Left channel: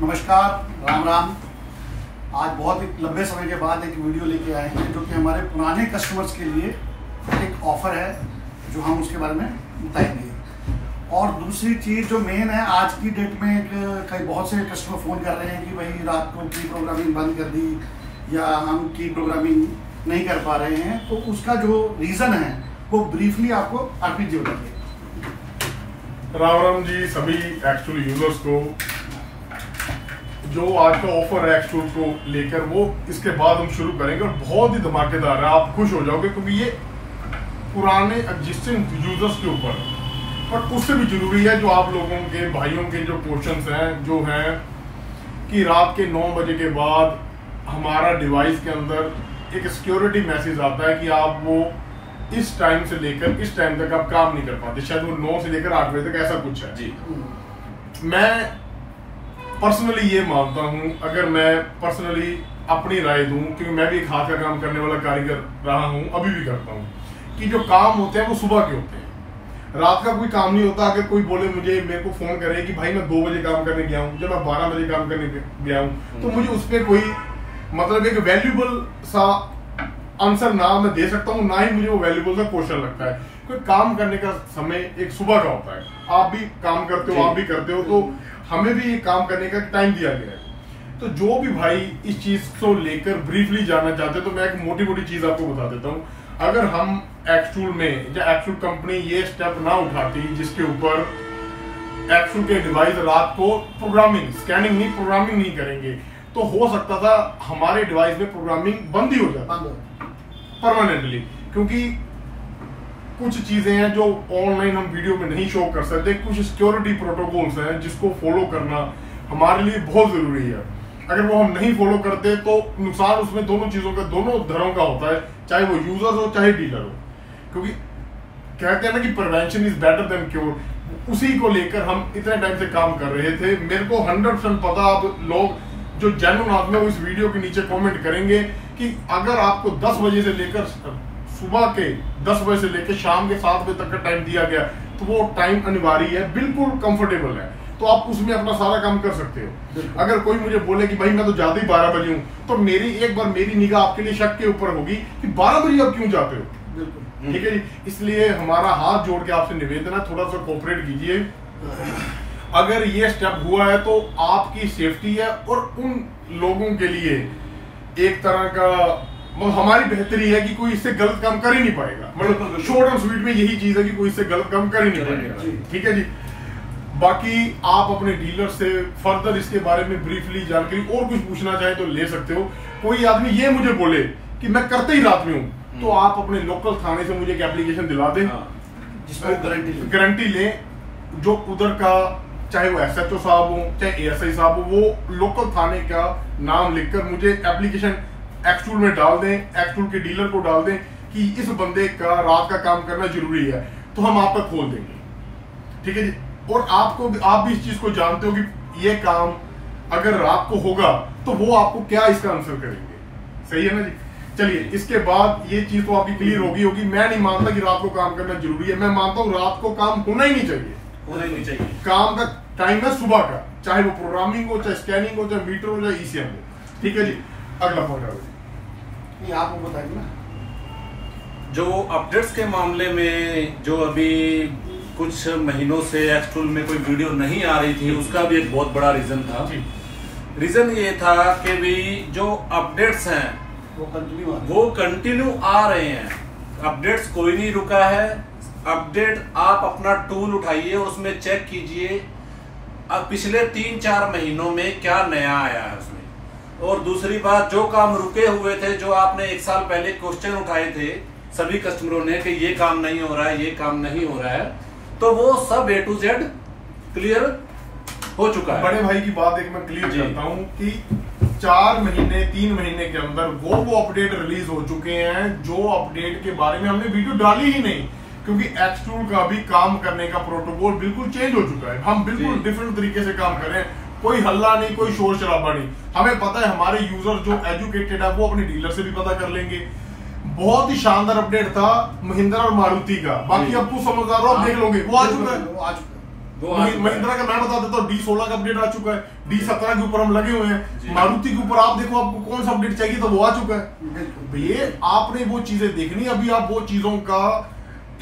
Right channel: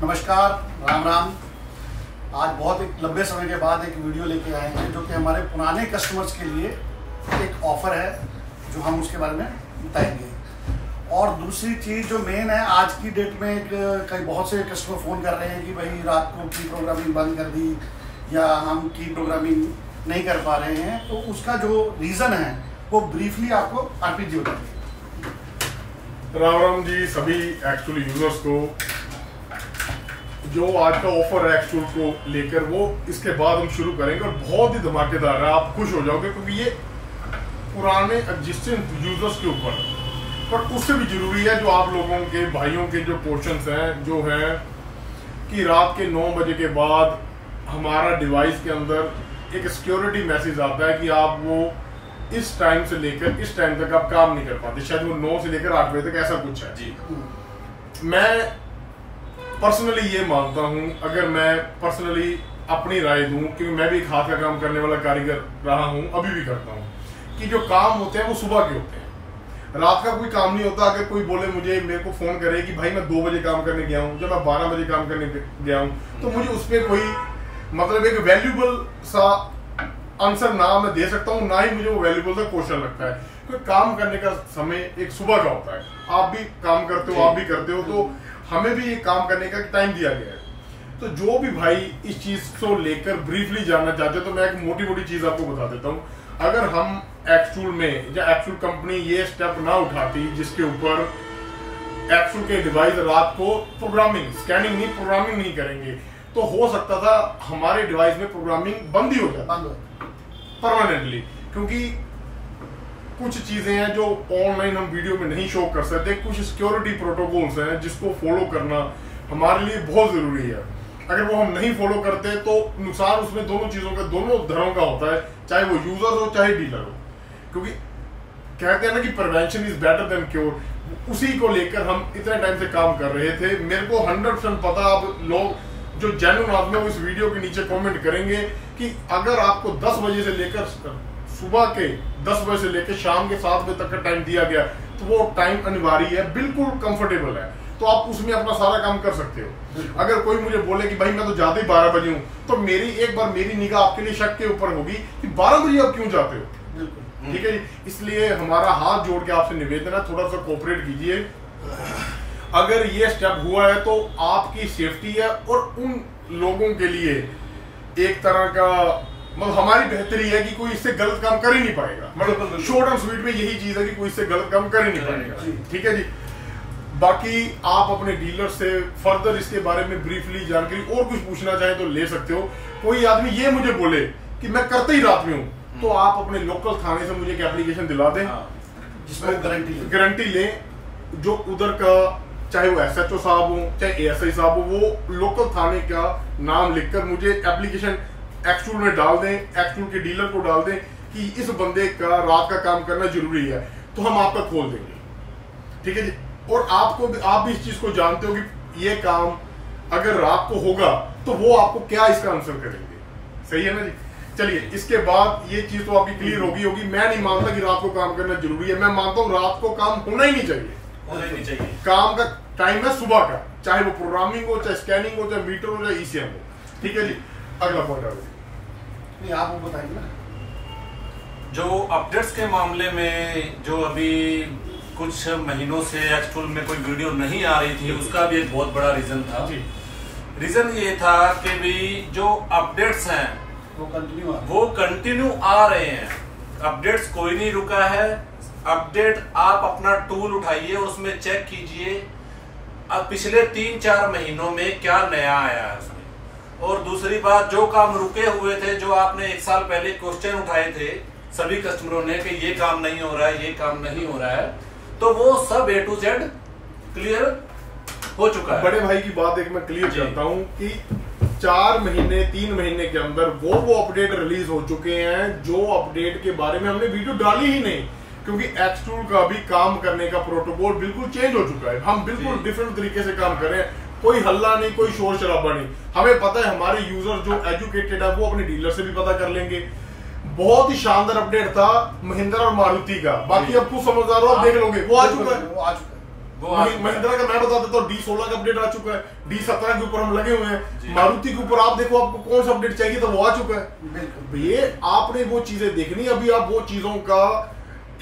नमस्कार, राम राम। आज बहुत एक लंबे समय के बाद एक वीडियो लेके आए हैं जो कि हमारे पुराने कस्टमर्स के लिए एक ऑफर है जो हम उसके बारे में बताएंगे। और दूसरी चीज़ जो मेन है, आज की डेट में कई बहुत से कस्टमर फ़ोन कर रहे हैं कि भाई रात को की प्रोग्रामिंग बंद कर दी या हम की प्रोग्रामिंग नहीं कर पा रहे हैं, तो उसका जो रीज़न है वो ब्रीफली आपको आरपी जी बताएंगे। राम राम जी सभी एक्चुअल यूजर्स को। जो आज का ऑफर है एक्चुअल को लेकर वो इसके बाद हम शुरू करेंगे और बहुत ही धमाकेदार है, आप खुश हो जाओगे क्योंकि ये पुराने एग्जिस्टिंग यूजर्स के ऊपर, पर उससे भी जरूरी है जो आप लोगों के भाइयों के जो क्वेश्चंस हैं जो हैं कि रात के 9 बजे के बाद हमारा डिवाइस के अंदर एक सिक्योरिटी मैसेज आता है कि आप वो इस टाइम से लेकर इस टाइम तक आप काम नहीं कर पाते, शायद वो 9 से लेकर 8 बजे तक ऐसा कुछ है जी। मैं पर्सनली ये मानता हूं, अगर मैं पर्सनली अपनी राय दूं, क्योंकि मैं भी एक हाथ का काम करने वाला कारीगर रहा हूं, अभी भी करता हूं, कि जो काम होते हैं वो सुबह के होते हैं, रात का कोई काम नहीं होता। अगर कोई बोले मुझे, मेरे को फोन करे कि भाई मैं 2 बजे काम करने गया हूं, जब मैं 12 बजे काम करने गया हूं, तो मुझे उस पर कोई मतलब एक वैल्यूबल सा आंसर ना मैं दे सकता हूँ, ना ही मुझे वो वैल्यूबल सा क्वेश्चन लगता है, क्योंकि काम करने का समय एक सुबह का होता है। आप भी काम करते हो, आप भी करते हो, तो हमें भी काम करने का टाइम दिया गया है। तो जो भी भाई इस चीज को लेकर ब्रीफली जानना चाहते हैं, तो मैं एक मोटी मोटी चीज आपको बता देता हूँ। अगर हम एक्चुअल में या एक्चुअल कंपनी ये स्टेप ना उठाती जिसके ऊपर एक्चुअल के डिवाइस रात को प्रोग्रामिंग, स्कैनिंग नहीं, प्रोग्रामिंग नहीं करेंगे, तो हो सकता था हमारे डिवाइस में प्रोग्रामिंग बंद ही हो जाती परमानेंटली, क्योंकि कुछ चीजें हैं जो ऑनलाइन हम वीडियो में नहीं शो कर सकते, कुछ सिक्योरिटी प्रोटोकॉल्स हैं जिसको फॉलो करना हमारे लिए बहुत जरूरी है। अगर वो हम नहीं फॉलो करते तो नुकसान उसमें दोनों चीजों का, दोनों धड़ों का होता है, चाहे वो यूजर हो चाहे डीलर हो, क्योंकि कहते हैं ना कि prevention is better than cure. उसी को लेकर हम इतने टाइम से काम कर रहे थे। मेरे को 100% पता, अब लोग जो जेन्युइन आदमी है वो इस वीडियो के नीचे कमेंट करेंगे कि अगर आपको 10 बजे से लेकर सुबह के 10 बजे से लेकर शाम के 7 बजे तक का टाइम दिया गया, तो वो टाइम अनिवार्य है, बिल्कुल कंफर्टेबल है, तो आप उसमें अपना सारा काम कर सकते हो। अगर कोई मुझे बोले कि भाई मैं तो जाते ही 12 बजे हूँ, तो एक बार मेरी निगाह आपके लिए शक के ऊपर होगी कि 12 बजे आप क्यों जाते हो। ठीक है जी, इसलिए हमारा हाथ जोड़ के आपसे निवेदन है, थोड़ा सा कोऑपरेट कीजिए। अगर ये स्टेप हुआ है तो आपकी सेफ्टी है और उन लोगों के लिए एक तरह का मतलब हमारी बेहतरी है कि कोई इससे गलत काम कर ही नहीं पाएगा। मतलब शॉर्ट एंड स्वीट में यही चीज है कि कोई इससे गलत काम कर ही नहीं पाएगा। ठीक है जी। बाकी आप अपने डीलर से फर्दर इसके बारे में ब्रीफली जानकारी और कुछ पूछना चाहे तो ले सकते हो। कोई आदमी ये मुझे बोले कि मैं करते ही रात में हूँ, तो आप अपने लोकल थाने से मुझे एक एप्लीकेशन दिला दें जिसमें गारंटी लें, जो उधर का चाहे वो SHO साहब हो चाहे ASI साहब हो, वो लोकल थाने का नाम लिखकर मुझे एप्लीकेशन एक्चुअल में डाल दें, एक्चुअल के डीलर को डाल दें कि इस बंदे का रात का काम करना जरूरी है, तो हम आप तक खोल देंगे। ठीक है जी। और आप भी इस चीज को जानते हो कि ये काम अगर रात को होगा तो वो आपको क्या इसका आंसर करेंगे। सही है ना जी। चलिए, इसके बाद ये चीज तो आपकी क्लियर होगी। मैं नहीं मानता कि रात को काम करना जरूरी है, मैं मानता हूँ रात को काम होना ही नहीं चाहिए। काम का टाइम है सुबह का, चाहे वो प्रोग्रामिंग हो, चाहे स्कैनिंग हो, चाहे मीटर हो, चाहे ECM हो। ठीक है जी। अगला पॉइंट आ गया, आप बताइए ना। जो अपडेट्स के मामले में जो अभी कुछ महीनों से एक्चुअल में कोई वीडियो नहीं आ रही थी, उसका भी एक बहुत बड़ा रीजन था। रीजन ये था कि भी जो अपडेट्स हैं वो कंटिन्यू आ रहे हैं। अपडेट्स कोई नहीं रुका है। अपडेट आप अपना टूल उठाइए, उसमें चेक कीजिए अब पिछले 3-4 महीनों में क्या नया आया है उसमें। और दूसरी बात, जो काम रुके हुए थे, जो आपने 1 साल पहले क्वेश्चन उठाए थे सभी कस्टमरों ने कि ये काम नहीं हो रहा है, ये काम नहीं हो रहा है, तो वो सब A to Z क्लियर हो चुका है। बड़े भाई की बात एक मैं क्लियर करता हूँ कि 4 महीने 3 महीने के अंदर वो अपडेट रिलीज हो चुके हैं जो अपडेट के बारे में हमने वीडियो डाली ही नहीं, क्योंकि एक्सटूल का भी काम करने का प्रोटोकॉल बिल्कुल चेंज हो चुका है। हम बिल्कुल डिफरेंट तरीके से काम कर रहे हैं, कोई हल्ला नहीं, कोई शोर शराबा नहीं। हमें पता है हमारे यूजर जो एजुकेटेड है वो अपने डीलर से भी पता कर लेंगे। बहुत ही शानदार अपडेट था महिंद्रा और मारुति का, बाकी अब कुछ समझदार हो आप देख लोगे, वो आ चुका है। महिंद्रा का मैं बता देता हूँ, D16 का अपडेट आ चुका है, D17 के ऊपर हम लगे हुए हैं, मारुति के ऊपर आप देखो आपको कौन सा अपडेट चाहिए था वो आ चुका है। ये आपने वो चीजें देखनी, अभी आप वो चीजों का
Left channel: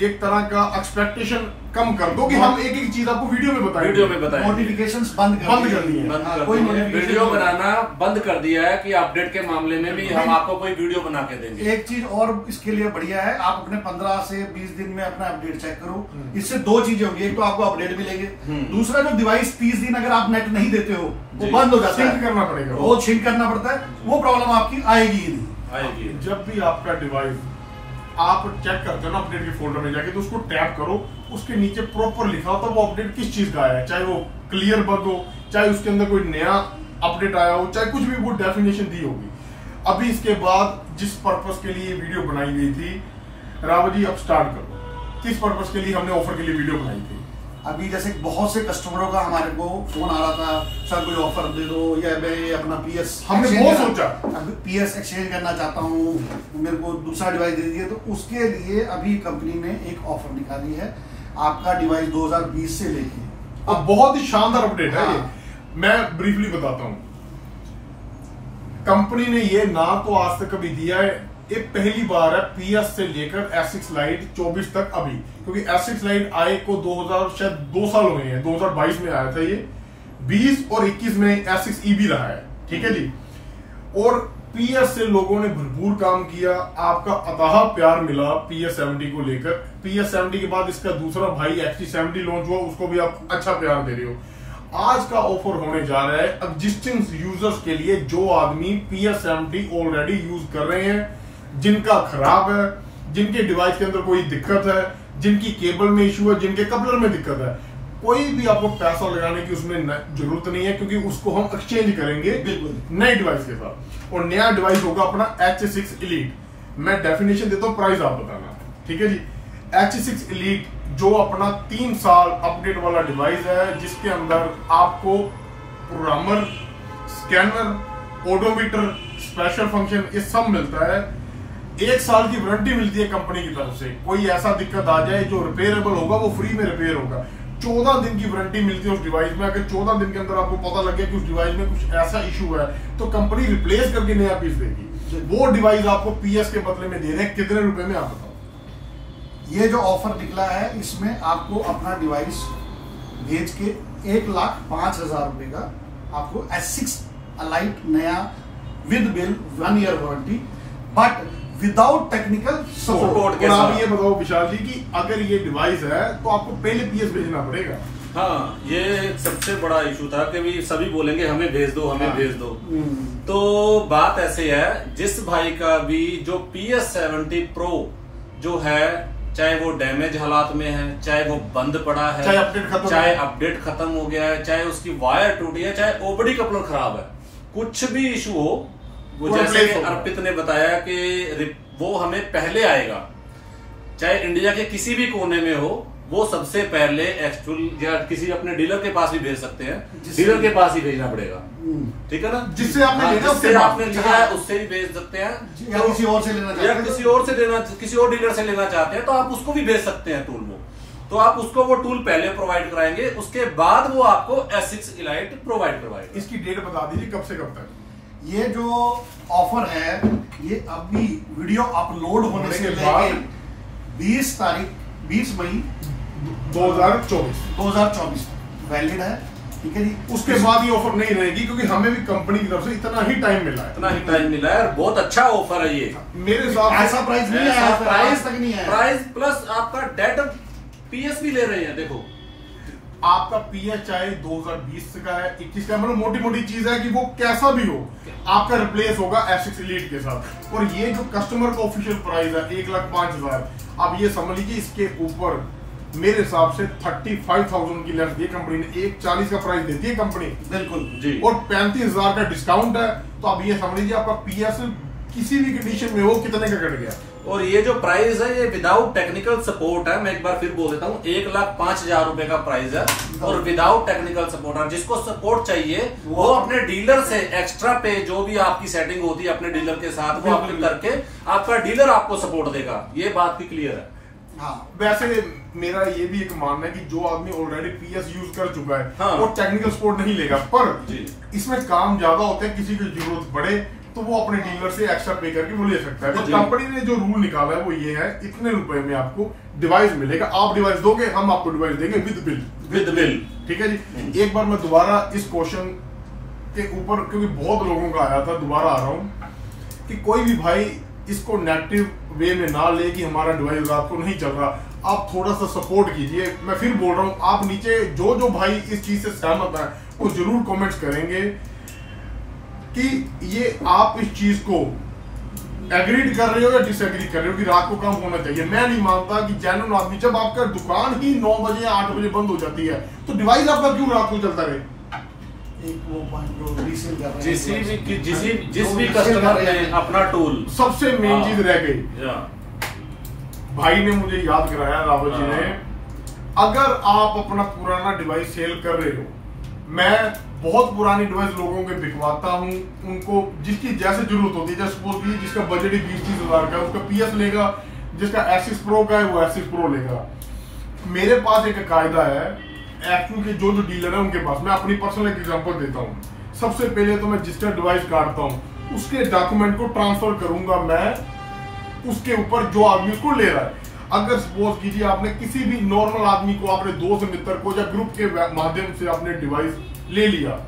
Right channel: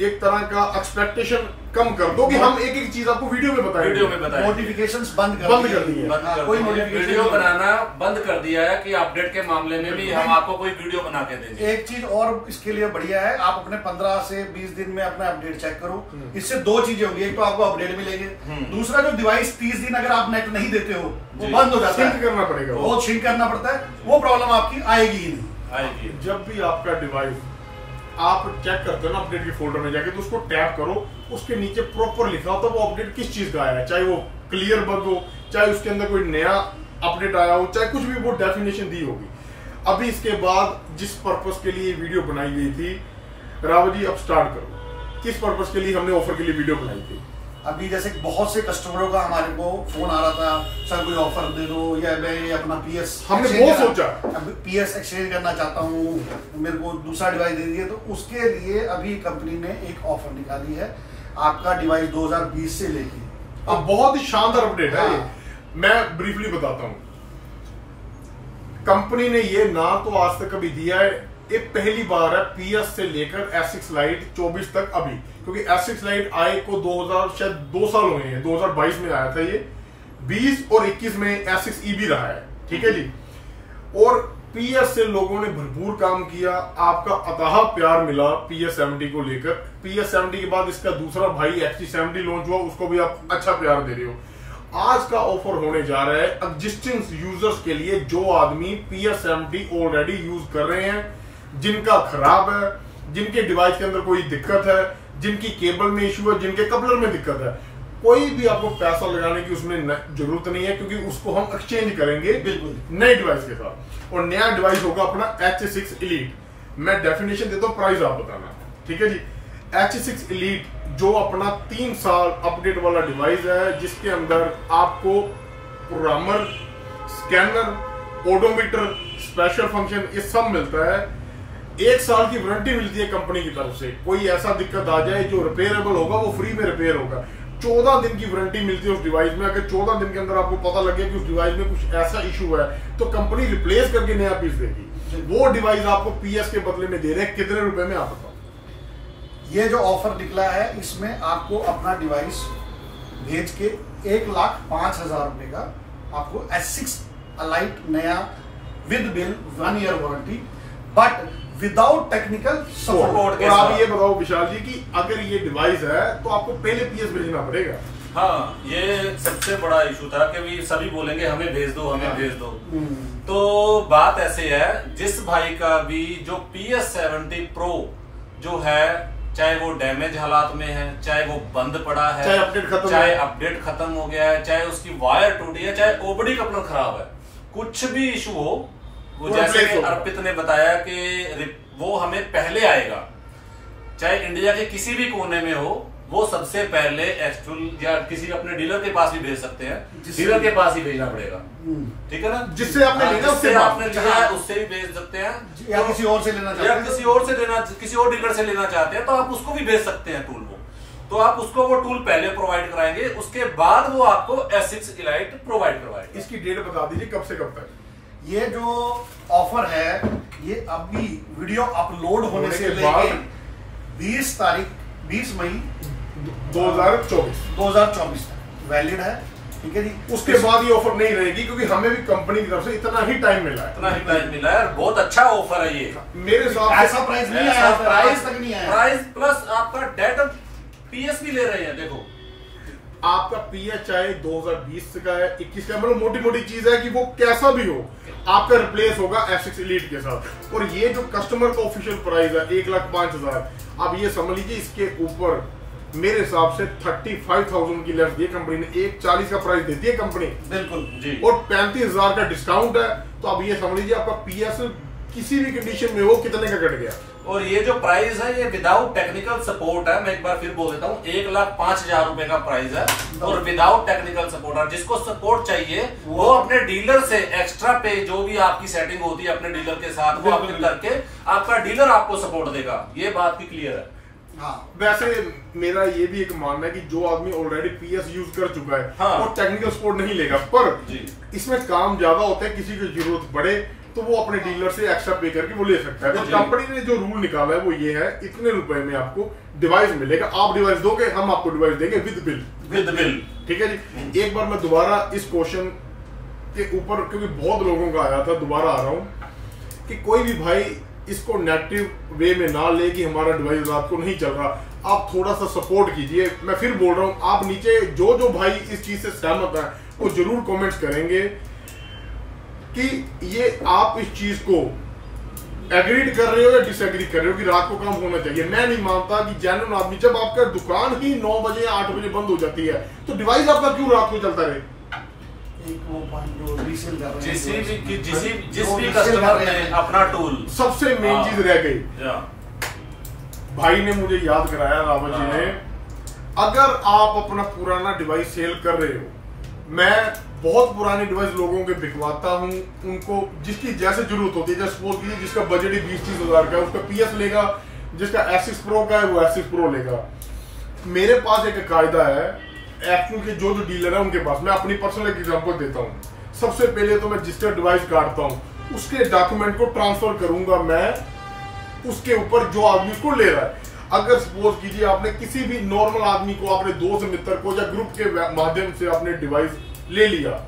एक तरह का एक्सपेक्टेशन कम कर दो कि हम एक एक चीज आपको वीडियो में बताएं। नोटिफिकेशंस बंद कर दी है, कोई वीडियो बनाना बंद कर दिया है कि अपडेट के मामले में भी हम आपको कोई वीडियो बना के देंगे। एक चीज और इसके लिए बढ़िया है, आप अपने 15 से 20 दिन में अपना अपडेट चेक करो। इससे दो चीजें होंगी, एक तो आपको अपडेट मिलेंगे, दूसरा जो डिवाइस 30 दिन अगर आप नेट नहीं देते हो वो बंद हो जाता है, करना पड़ेगा, वो छिंक करना पड़ता है, वो प्रॉब्लम आपकी आएगी ही नहीं। जब भी आपका डिवाइस आप चेक करते हो ना अपडेट के फोल्डर में जाके, तो उसको टैप करो, उसके नीचे प्रॉपर लिखा होता है वो अपडेट किस चीज का आया है, चाहे वो क्लियर बग हो, चाहे उसके अंदर कोई नया अपडेट आया हो, चाहे कुछ भी वो डेफिनेशन दी होगी। अभी इसके बाद जिस पर्पस के लिए वीडियो बनाई गई थी, रावत जी अब स्टार्ट करो, किस पर्पस के लिए हमने ऑफर के लिए वीडियो बनाई थी? अभी जैसे बहुत से कस्टमरों का हमारे को फोन आ रहा था, सर कोई ऑफर दे दो, या मैं अपना PS हमने वो सोचा PS एक्सचेंज करना चाहता हूँ, मेरे को दूसरा डिवाइस दे दिए, तो उसके लिए अभी कंपनी ने एक ऑफर निकाली है। आपका डिवाइस 2020 से लेके अब बहुत ही शानदार अपडेट है। मैं ब्रीफली बताता हूँ, कंपनी ने ये ना तो आज तक कभी दिया है, ये पहली बार है PS से लेकर S6 लाइट 24 तक अभी, क्योंकि S6 लाइट आए को 2000 शायद 2 साल हुए हैं, 2022 में आया था ये, 20 और 21 में S6e भी रहा है, ठीक है जी। और PS से लोगों ने भरपूर काम किया, आपका अथाह प्यार मिला PS70 को लेकर। PS70 के बाद इसका दूसरा भाई XT70 लॉन्च हुआ, उसको भी आप अच्छा प्यार दे रहे हो। आज का ऑफर होने जा रहा है एग्जिस्टिंग यूजर्स के लिए, जो आदमी PS70 ऑलरेडी यूज कर रहे हैं, जिनका खराब है, जिनके डिवाइस के अंदर कोई दिक्कत है, जिनकी केबल में इश्यू है, जिनके कपलर में दिक्कत है, कोई भी आपको पैसा लगाने की उसमें जरूरत नहीं है, क्योंकि उसको हम एक्सचेंज करेंगे बिल्कुल नए डिवाइस के साथ, और नया डिवाइस होगा अपना H6 Elite। मैं डेफिनेशन देता हूं, प्राइस आप बताना, ठीक है जी। H6 Elite जो अपना 3 साल अपडेट वाला डिवाइस है, जिसके अंदर आपको programmer, scanner, odometer, special function ये सब मिलता है। 1 साल की वारंटी मिलती है कंपनी की तरफ से, कोई ऐसा दिक्कत आ जाए जो रिपेयरेबल होगा वो फ्री में रिपेयर होगा। 14 दिन की वारंटी मिलती है उस डिवाइस में। अगर 14 दिन के अंदर आपको पता लग गया कि उस डिवाइस में कुछ ऐसा इशू है, तो कंपनी रिप्लेस करके नया पीस देगी। वो डिवाइस आपको PS के बदले में दे रहे हैं, कितने रुपए में आप बताओ? ये जो ऑफर निकला है, इसमें आपको अपना डिवाइस भेज के 1,05,000 रुपए का आपको S6 Elite नया with bill 1 year warranty, but without technical support. और आप ये बताओ विशाल जी कि अगर ये डिवाइस है तो आपको पहले PS भेजना पड़ेगा। हाँ, ये सबसे बड़ा इशू था कि भी सभी बोलेंगे हमें भेज दो, हमें भेज दो। तो बात ऐसे है, जिस भाई का भी जो PS70 Pro जो है, चाहे वो डैमेज हालात में है, चाहे वो बंद पड़ा है, चाहे अपडेट खत्म हो गया है, चाहे उसकी वायर टूटी है, चाहे ओबडी कपलर खराब है, कुछ भी इशू हो, वो जैसे कि अर्पित ने बताया कि वो हमें पहले आएगा, चाहे इंडिया के किसी भी कोने में हो, वो सबसे पहले एक्चुअल या किसी अपने डीलर के पास भी भेज सकते हैं, डीलर के पास ही भेजना पड़ेगा, ठीक है ना, जिससे आपने लिया उससे भी भेज सकते हैं, या किसी और से लेना चाहते हैं, किसी और डीलर से लेना चाहते हैं, तो आप उसको भी भेज सकते हैं टूल वो। तो आप उसको वो टूल पहले प्रोवाइड कराएंगे, उसके बाद वो आपको S6 Elite प्रोवाइड करवाएगा। इसकी डेट बता दीजिए कब से कब तक? ये जो ऑफर है, ये अभी वीडियो अपलोड होने से लेके 20 मई 2024 वैलिड है, ठीक है जी। उसके बाद ये ऑफर नहीं रहेगी, क्योंकि हमें भी कंपनी की तरफ से इतना ही टाइम मिला है, और बहुत अच्छा ऑफर है ये। मेरे साथ ऐसा प्राइस नहीं आया, प्राइस तक नहीं आया, प्राइस प्लस आपका डेटा PS भी ले रहे हैं। देखो आपका PS चाहे 2020 का है, 21 का, मतलब मोटी मोटी चीज है कि वो कैसा भी हो, आपका रिप्लेस होगा S6 Elite के साथ। और ये जो कस्टमर का ऑफिशियल प्राइस है 1,05,000, आप ये समझ लीजिए इसके ऊपर मेरे हिसाब से 35,000 की लेस दी कंपनी ने, 1,40 का प्राइस देती है कंपनी, बिल्कुल जी, और 35,000 का डिस्काउंट है। तो आप ये समझ लीजिए आपका PS किसी भी कंडीशन में हो कितने का कट गया। और ये जो प्राइस है, ये विदाउट टेक्निकल सपोर्ट है, मैं एक बार फिर बोल देता हूँ, 1,05,000 रुपए का प्राइस है, और विदाउट टेक्निकल सपोर्ट। और जिसको सपोर्ट चाहिए वो अपने डीलर से एक्स्ट्रा पे, जो भी आपकी सेटिंग होती है अपने डीलर के साथ, वो आपने करके आपका डीलर आपको सपोर्ट देगा। ये बात भी क्लियर है। हाँ। वैसे मेरा ये भी एक मानना है कि जो आदमी ऑलरेडी पीएस यूज कर चुका है हाँ। वो टेक्निकल सपोर्ट नहीं लेगा, पर जी। इसमें काम ज्यादा होता है, किसी की जरूरत पड़े तो वो अपने डीलर से एक्स्ट्रा पे करके वो ले सकता है। तो जी। कंपनी ने जो रूल निकाला है वो ये है, इतने रुपए में आपको डिवाइस मिलेगा, आप डिवाइस दोगे, हम आपको डिवाइस देंगे विद बिल। विद बिल, ठीक है जी। एक बार मैं दोबारा इस क्वेश्चन के ऊपर, क्योंकि बहुत लोगों का आया था, दोबारा आ रहा हूं कि कोई भी भाई इसको नेगेटिव वे में ना ले कि हमारा डिवाइस रात को नहीं चल रहा। आप थोड़ा सा सपोर्ट कीजिए। मैं फिर बोल रहा हूं, आप नीचे जो भाई इस चीज से सहमत है वो जरूर कमेंट्स करेंगे कि ये आप इस चीज को एग्रीड कर रहे हो या डिसएग्री कर रहे हो कि रात को काम होना चाहिए। मैं नहीं मानता कि जेन्युइन आदमी, जब आपका दुकान ही 9 बजे 8 बजे बंद हो जाती है तो डिवाइस आपका क्यों रात को चलता रहे? जिस भी कस्टमर ने अपना टूल, सबसे मेन चीज रह गई, भाई ने मुझे याद कराया, रावत जी ने, अगर आप अपना पुराना डिवाइस सेल कर रहे हो, मैं बहुत पुरानी डिवाइस लोगों के बिकवाता हूं, उनको जिसकी जैसे जरूरत होती है, जैसे सपोज जिसका बजट ही 20-30 हजार का है उसका पीएस लेगा, जिसका एसिक्स प्रो का है वो एसिक्स प्रो लेगा। मेरे पास एक कायदा है, एक्चुअल के जो डीलर है उनके पास, मैं अपनी पर्सनल एग्जांपल देता हूं। सबसे पहले तो मैं जिसका डिवाइस काटता हूं उसके डॉक्यूमेंट को ट्रांसफर करूंगा मैं उसके ऊपर जो आदमी उसको ले रहा है। अगर सपोज कीजिए आपने किसी भी नॉर्मल आदमी को, अपने दोस्त मित्र को या ग्रुप के माध्यम से आपने डिवाइस ले लिया,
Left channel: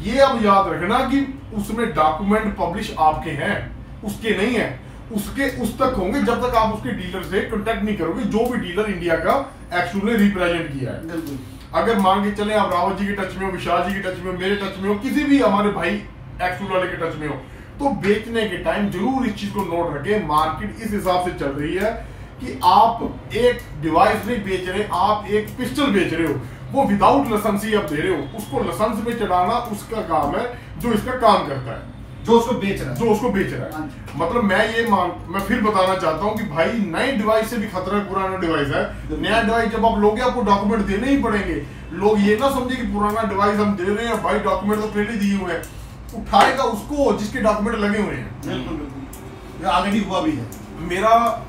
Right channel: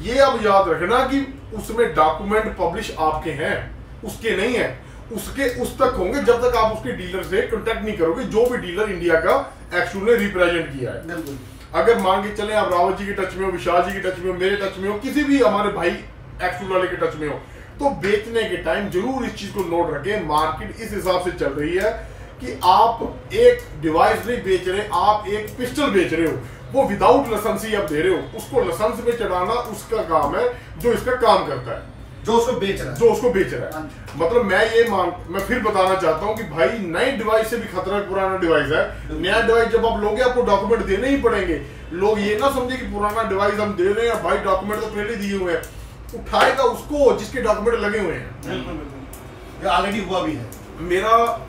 ये अब याद रखना कि उसमें डॉक्यूमेंट पब्लिश आपके हैं, उसके नहीं है, उसके उस तक होंगे जब तक आप उसके डीलर से कांटेक्ट नहीं करोगे, जो भी डीलर इंडिया का एक्चुअल ने रिप्रेजेंट किया है। अगर मान के चले आप रावत जी के टच में हो, विशाल जी के टच में हो, मेरे टच में हो, किसी भी हमारे भाई एक्चुअल वाले के टच में हो, तो बेचने के टाइम जरूर इस चीज को नोट रखें। मार्केट इस हिसाब से चल रही है कि आप एक डिवाइस नहीं बेच रहे, आप एक पिस्टल बेच रहे हो, वो विदाउट लाइसेंस ही आप दे रहे हो। उसको लाइसेंस में चढ़ाना उसका काम है जो इसका काम करता है, जो उसको बेच रहा है, जो उसको बेच रहा है। मतलब मैं फिर बताना चाहता हूं कि भाई नई डिवाइस से भी खतरा पुराना डिवाइस है। नया डिवाइस जब आप लोगे आपको डॉक्यूमेंट देने ही पड़ेंगे। लोग ये ना समझे कि पुराना डिवाइस हम दे रहे हैं, भाई डॉक्यूमेंट तो पहले दिए हुए हैं, उठाएगा उसको जिसके डॉक्यूमेंट लगे हुए हैं। ऑलरेडी हुआ भी है। मेरा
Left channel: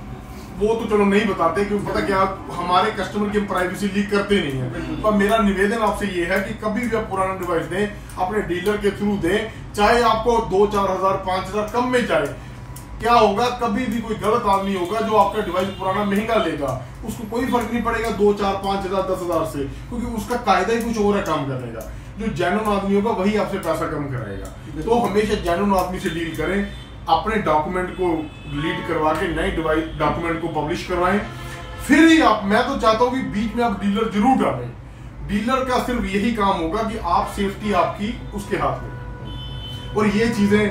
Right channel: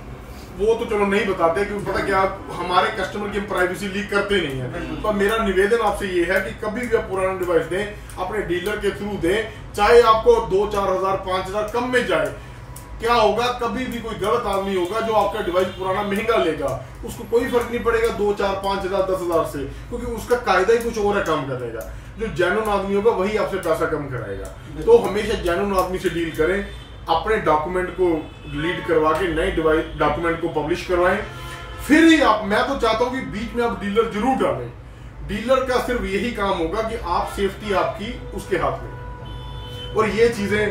वो तो चलो नहीं बताते क्योंकि पता क्या, हमारे कस्टमर की प्राइवेसी लीक करते नहीं है। तो मेरा निवेदन आपसे ये है कि कभी भी आप पुराना डिवाइस दें, अपने डीलर के थ्रू दें, चाहे आपको 2-4 हजार 5 हजार कम में जाए। क्या होगा, कभी भी कोई गलत आदमी होगा जो आपका डिवाइस पुराना महंगा लेगा, उसको कोई फर्क नहीं पड़ेगा 2, 4, 5 हजार 10 हजार से, क्योंकि उसका कायदा ही कुछ और है काम करने का। जो जेन्युइन आदमी होगा वही आपसे पैसा कम कराएगा। तो हमेशा जेन्युइन आदमी से डील करें, अपने डॉक्यूमेंट को डिलीट करवा के नए डिवाइस डॉक्यूमेंट को पब्लिश करवाएं, फिर ही आप, मैं तो चाहता हूं कि बीच में आप डीलर जरूर डालें। डीलर का सिर्फ यही काम होगा कि आप सेफ्टी आपकी उसके हाथ में, और ये चीजें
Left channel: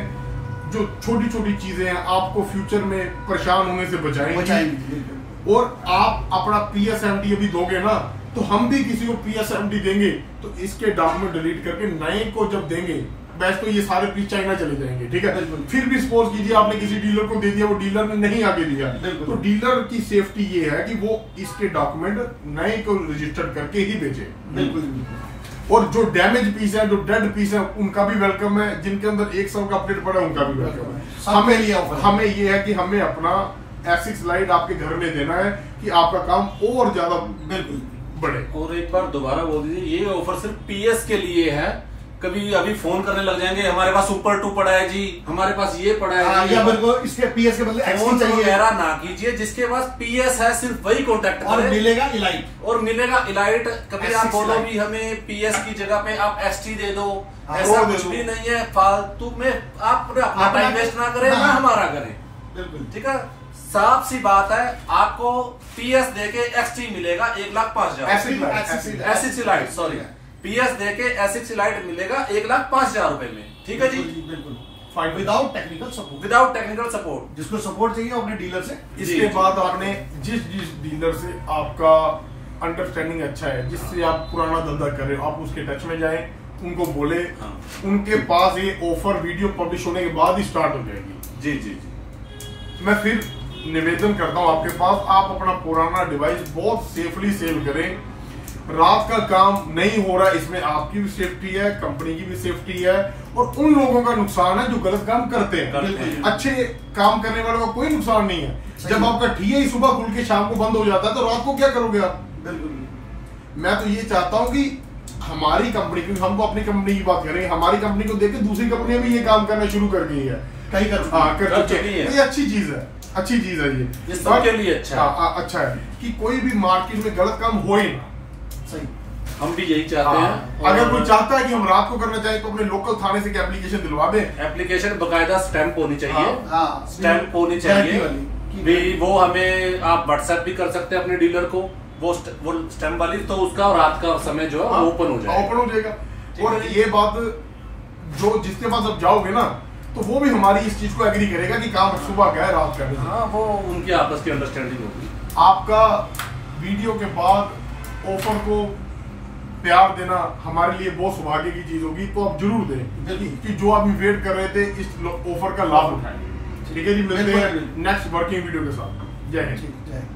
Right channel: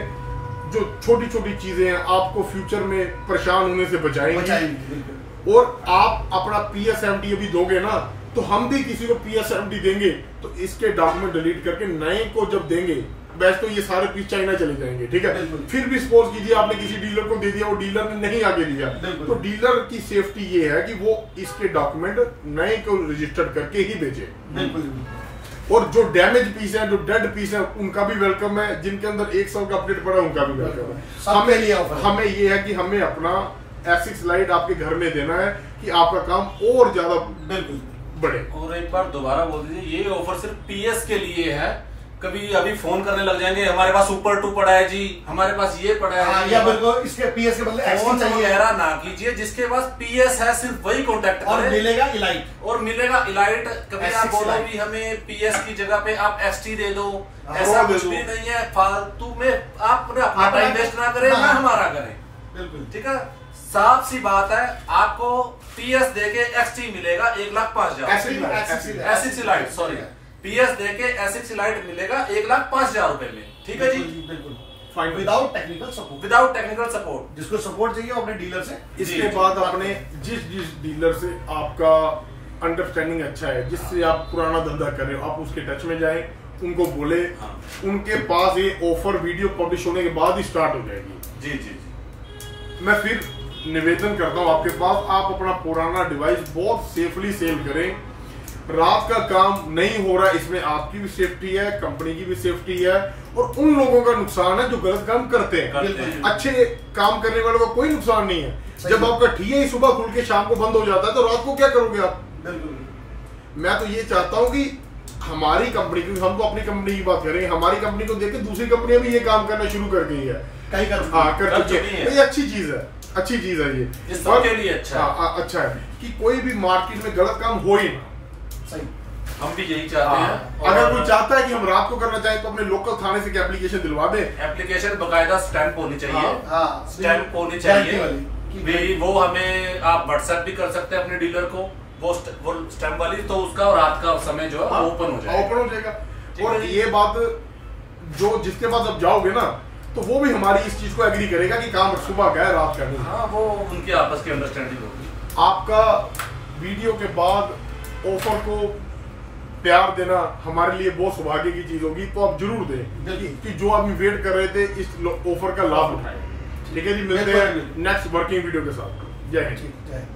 जो छोटी छोटी चीजें हैं आपको फ्यूचर में परेशान होने से बचाएंगी। और आप अपना PSMD अभी दोगे ना, तो हम भी किसी को PSMD देंगे तो इसके डॉक्यूमेंट डिलीट करके नए को जब देंगे, वैसे तो ये सारे पीस चाइना चले जाएंगे, ठीक है। फिर भी सपोज कीजिए आपने किसी डीलर को दे दिया, वो डीलर ने नहीं आगे दिया, तो डीलर की सेफ्टी ये है कि वो इसके डॉक्यूमेंट नए को रजिस्टर्ड करके ही बेचे। और जो डैमेज पीस है, जो डेड पीस है, उनका भी वेलकम है। जिनके अंदर 1 साल का अपडेट पड़ा है उनका भी वेलकम है। हमें ये है कि हमें अपना एसिक्स लाइट आपके घर में देना है कि आपका काम और ज्यादा बढ़े। और एक बार दोबारा बोल दीजिए, ये ऑफर सिर्फ PS के लिए है। कभी अभी फोन करने लग जाएंगे, हमारे पास सुपर 2 पड़ा है जी, हमारे पास ये पड़ा है, या मेरे को इसके PS के बदले फोन चाहिए, ना कीजिए। जिसके पास PS है सिर्फ वही कॉन्टेक्ट करें, और मिलेगा इलाइट। कभी आप बोलो भी हमें PS की जगह पे आप ST दे दो, ऐसा कुछ भी नहीं है। फालतू में आप अपना टाइम वेस्ट ना करें, ना हमारा करें, ठीक है। साफ सी बात है, आपको PS देके XT मिलेगा 1,05,000, एसिक्स लाइट, सॉरी, PS देके एसिक्स लाइट मिलेगा 1,05,000 रुपए में, ठीक है जी, बिल्कुल विदाउट टेक्निकल सपोर्ट। जिसको सपोर्ट चाहिए अपने डीलर से। इसके बाद आपने जिस डीलर से आपका अंडरस्टैंडिंग अच्छा है, जिससे आप पुराना धंधा कर रहे हो, आप उसके टच में जाएं, उनको बोले, उनके पास ये ऑफर वीडियो पब्लिश होने के बाद ही स्टार्ट हो जाएगी। जी। मैं फिर निवेदन करता हूं आपके पास, आप अपना पुराना डिवाइस बहुत सेफली सेल करें। रात का काम नहीं हो रहा, इसमें आपकी भी सेफ्टी है, कंपनी की भी सेफ्टी है, और उन लोगों का नुकसान है जो गलत काम करते हैं। अच्छे काम करने वालों का कोई नुकसान नहीं है। जब आपका ठिया ही सुबह खुल के शाम को बंद हो जाता है तो रात को क्या करोगे आप? मैं तो ये चाहता हूँ कि हमारी कंपनी, क्योंकि हम तो अपनी कंपनी की बात करेंगे, हमारी कंपनी को देख के दूसरी कंपनियां भी ये काम करना शुरू कर गई है। कहीं कर चुके हैं। ये अच्छी चीज है, अच्छी चीज है ये सबके लिए अच्छा है कि कोई भी मार्केट में गलत काम हो ही ना। सही, हम भी यही चाहते हैं। अगर कोई चाहता है कि हम रात को करना चाहें तो अपने लोकल थाने से एप्लीकेशन दिलवा दे। एप्लीकेशन बकायदा स्टैंप होनी चाहिए, स्टैंप होनी गारंटी चाहिए। वो हमें आप व्हाट्सएप भी कर सकते हैं अपने डीलर को, वो स्टैम्प वाली, तो उसका रात का समय जो है ओपन हो जाएगा। और ये बात जो जिसके पास आप जाओगे ना तो वो भी हमारी इस चीज को एग्री करेगा कि काम सुबह का है, रात का नहीं। हाँ, वो उनकी आपस की अंडरस्टैंडिंग होगी। आपका वीडियो के बाद ऑफर को प्यार देना हमारे लिए बहुत सौभाग्य की चीज होगी, तो आप जरूर दें कि जो आदमी वेट कर रहे थे इस ऑफर का लाभ उठाएंगे। ठीक है जी, मिलते हैं नेक्स्ट वर्किंग वीडियो के साथ। जय हिंद।